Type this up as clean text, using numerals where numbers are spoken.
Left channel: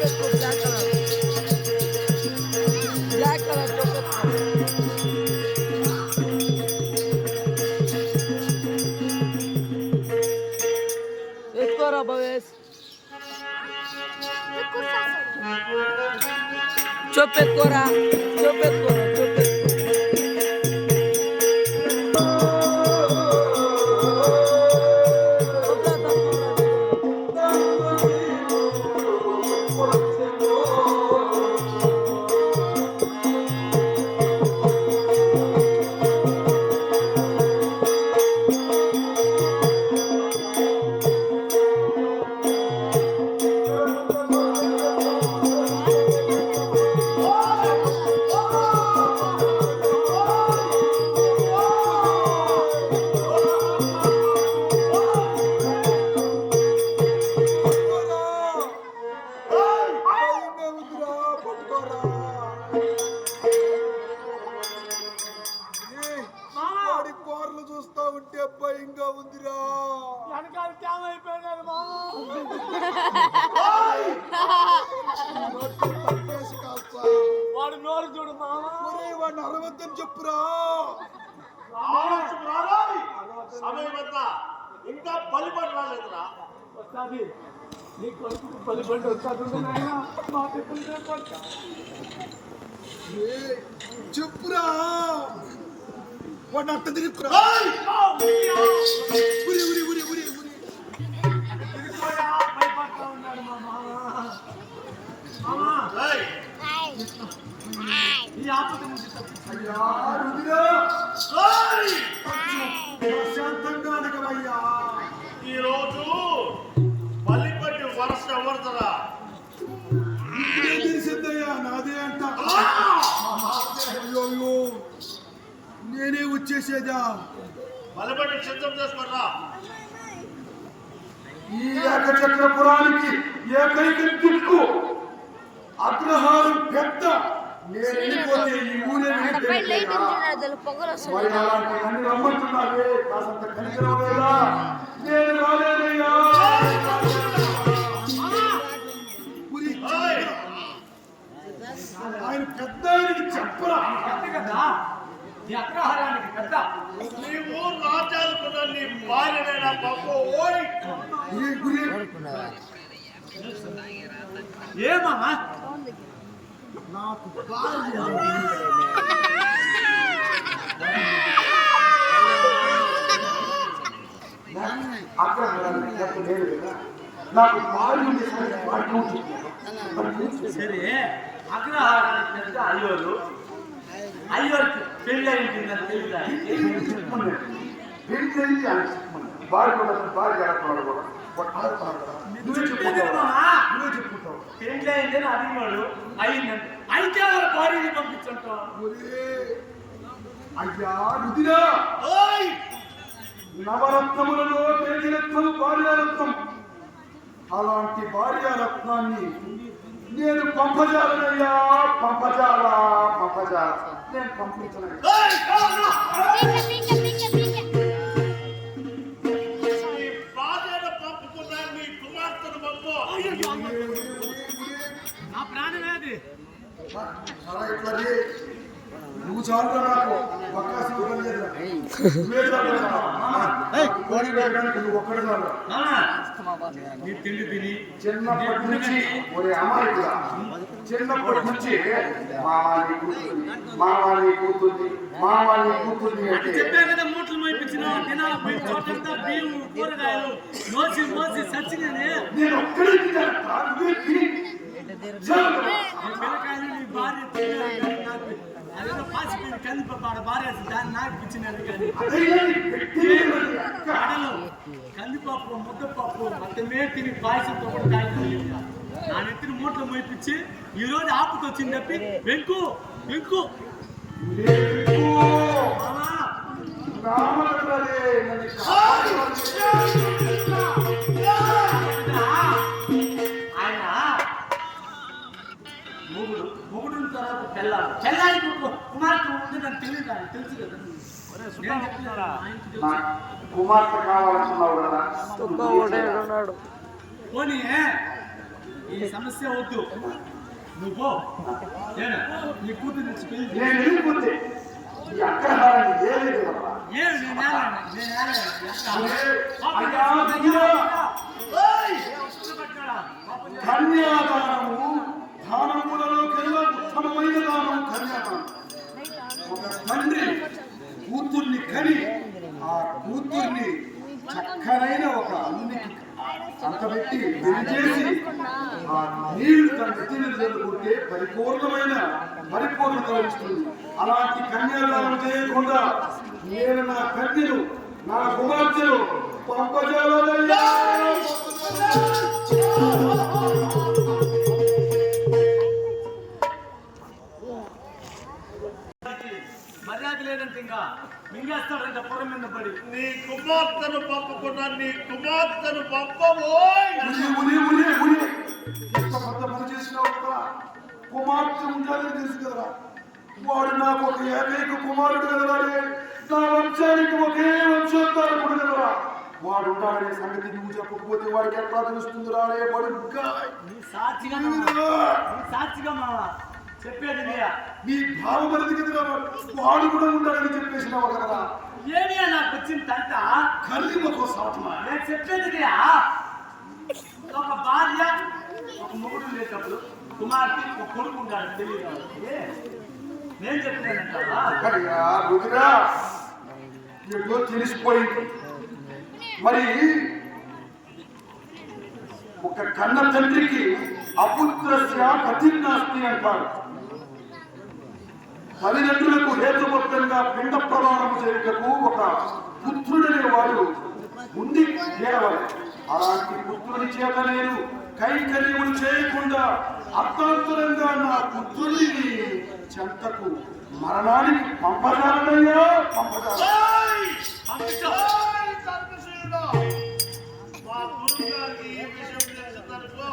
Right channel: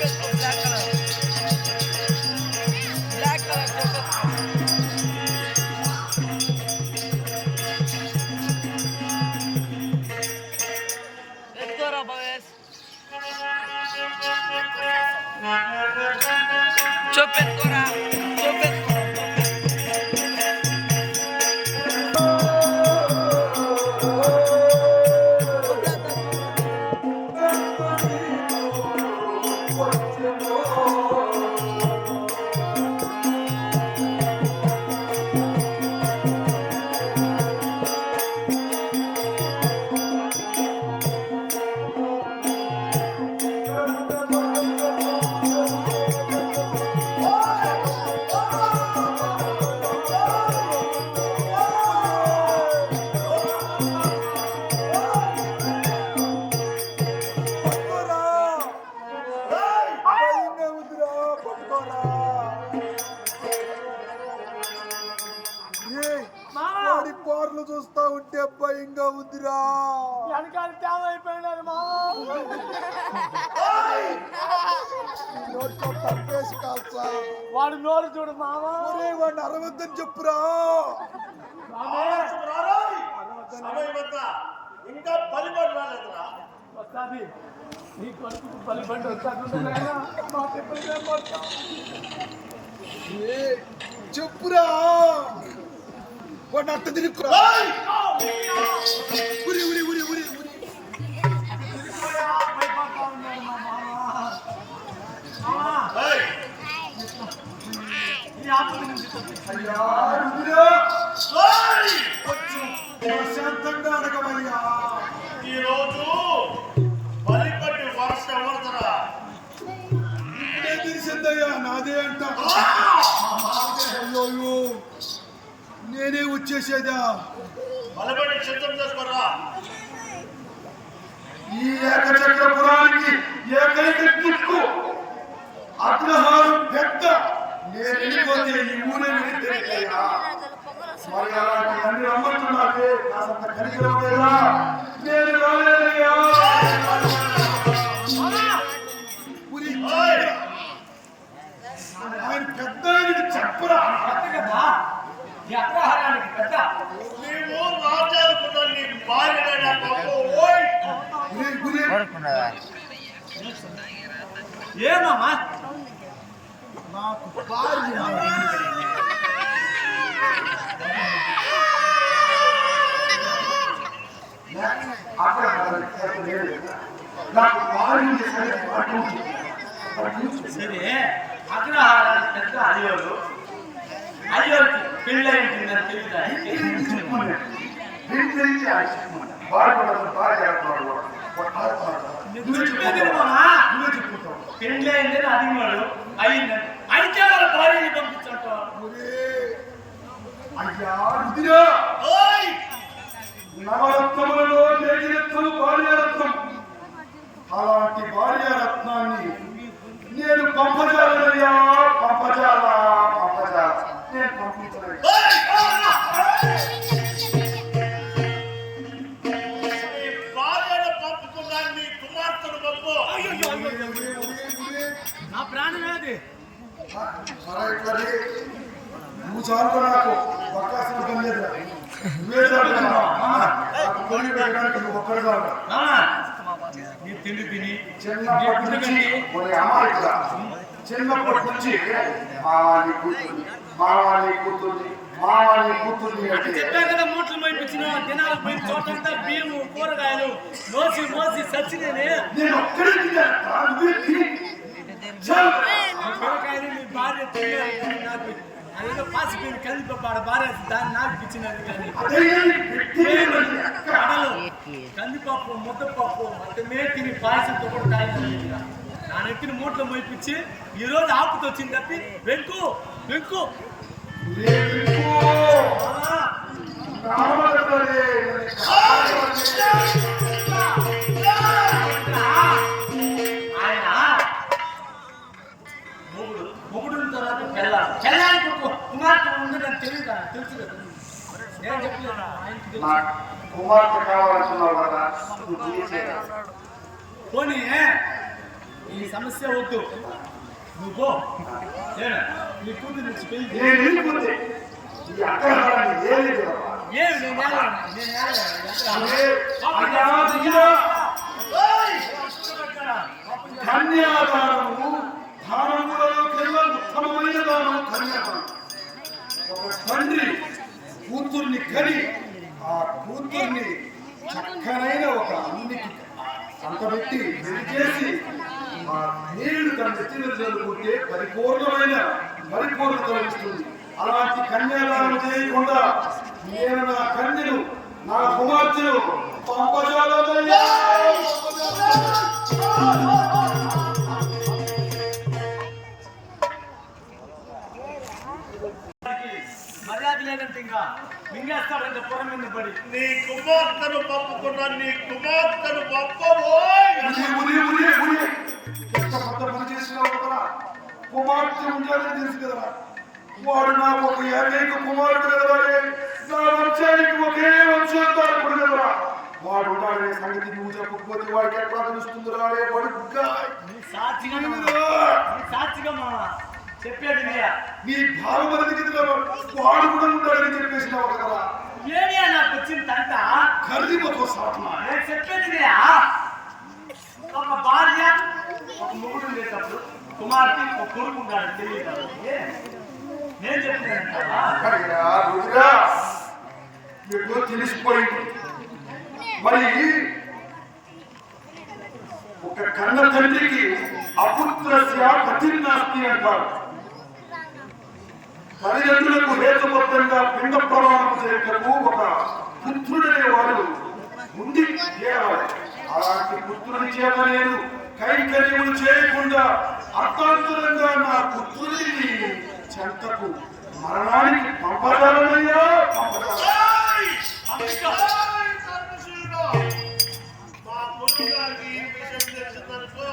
చూపెట్టుకో black colour చూపెట్టుకో ఎత్తుకోరా Bhavesh చూపెట్టుకోరా చూపెట్టుకోరా చూస్తా ఉంటే భయంగా ఉందిరా. వెనకాల తేమ అయిపోయినారు వాడు నోరు చూడు మామా. వాడిని అరవద్దని చెప్పురా. ఇంకా బలిపడి రాలేదురా. వస్తాది నీ కొడుకు బలిపడి వస్తాడు మా చెప్పులు చెప్పురా. వాడిని అట్ట తిరుగురా. ఉరి ఉరి ఉరి ఉరి ఉరి భయపడతా ఉన్నాడు మా మామ. ఈ ఆపద నుంచి ప్రశాంతంగా అనగమయ్యా. ఈరోజు బలిపడి వరుస ఎవరుదరా? ఇప్పుడే తెలిసిందయ్యా నాదే అంట. అయ్యో నేనే వచ్చేసేదా. బలిపడి సిద్ధం చేసుకోరా. ఈ ఏకచక్రపురానికి ఏకైక దిక్కు అగ్రహారం పెద్ద. నేను వెళ్ళిపోతే ఈ ఊరే వెళ్ళిపోయా. మరి అలాంటి అన్ని నమ్ముతున్నారే కాసంత కలిగిపోయేలా నేను రాలేదయ్యా. ఆయన పెద్ద ఆయనకి చెప్పరా. కదా ఈ అగ్రహారానికి పెద్ద. నీవు రాజ్యాలకు నీ భార్యనైనా ఏ మామా నాకు భార్య సరే అగ్రహారానికి పెద్ద అయ్యోరు. అయ్యోరికి పెళ్ళి ఉంటుందని తెలియదు. పెళ్ళి అయిందని అడిగినాడు. అయిందని అయితే వాళ్ళ భార్యని పంపించంటావు. అయ్యా రుదిరా. నవరత్నములలో ఏడిరత్నం భార్యారత్నం. అలాంటి భార్యారత్నాన్ని నేను పంపజాలయ్యా. పంపజాల నేను పంపించలేదు. నా ప్రాణమేది. నువ్వు చాలు నాకు బక్కాసి పని లేదురా. నీ తిండి తిని చిన్నప్పటి నుంచి చెప్పా కదా మూటలు మోయించిన దినాల పోయి చోటంతా బియ్యం కూరగాయలు మోసి మోసి సచ్చినని పిల్లకాయలు మీ భార్య తిన్నారు. నాకు అదేదో పాసిపోయిన కందిపప్పాడ భార్య దాన్ని నాకు ఇచ్చినారు. కానీ కందిపప్పు ముద్దపప్పు మొత్తమే తిని పాయసంతో కూడా నా నెత్తిని మూటలు మోయించి ఈ రోజు ఆపుతో వచ్చింది తప్పి వెంకు వెంకు మొగుడు తర్వాత పెళ్ళానికి కుమార్తె ఉండదని తెలియదు. తెలుసు కదా నేను చెప్పలేదు. పోనీ ఈ సమస్య వద్దు. నువ్వు పో. ఏనా నీ కూతురు నుంచి పెళ్లి నేను వెళ్ళిపోతే ఈ అగ్రహారాన్ని ఏలేదు. ఏమి నేను ఏలనా? నేను ఏలనా? కన్యాదానము దానములలోకెల్లా ఉత్తమమైన దానం కన్యాదానం. ఒక తండ్రి కూతుర్ని కని ఆ కూతుర్ని చక్కనైన ఒక అమ్మికి అంతబెట్టి చేసి నీళ్లు తన నెత్తిలో చదువుకుంటే పరిపూర్ణత లభిస్తుంది. అలాంటి కన్యాదానం చేయకుండా నేను నా కన్యను నా కుమార్తెను పంపజాలయ్యా. మర్యాద లేదంటే ఇంకా మింగేస్తాడంటే పురం మీద పడి. నీ కుమార్తెను పంపుకున్నా నీ కుమార్తెను పంపబోయ్. కుమార్తె ఉండాలని తెలుసు కదరా. వాడు నాకు ఒక ఏకైక కుమారుడు కదరా. నా వంశానికి ఒకే వంశోద్ధారకుడు కదరా. వాడు ఉండాలనే సంగతి నువ్వు చెప్పకపోతే వాడికి ఎట్లా తెలుస్తుందిరా? నీ సాక్షిగా మావా చెప్పేది నీయా. నీ భావమరిది కదరా. వాడు కూడా ఉండాలని చెప్పేసినావు కదా. ఏమియా నాకు వచ్చింది తంట? ఖరీదుతో సాధన నేను చెప్పేది నీయా. ఒక భార్య ఒక మొగుడు ఉండేటప్పుడు కుమార్తె ఒక కొడుకు ఉన్నాడు తెలియదు. నేను చెప్తానంటావా? మీకు తెలిసిపోయింది. మరి ఒక కన్న తండ్రికి అపుత్రస్య కఠినాస్తి అంటారు. తల్లిదండ్రులకు హేతుబద్ధంగా పిండ ప్రమాణం చేయటకు ఒక పుత్రుడనేవాడు ఉండి చేరవాలి. అలాంటి పుత్రుడి చేత నేను కైంకర్యములు చేయకుండా అర్థాంతరంగా నా పుత్రుడిని చెంతకు మరణానికి పంపజాలయ్యా. మా గురువు గారికి ఈ విషయం తెలిసిందనుకో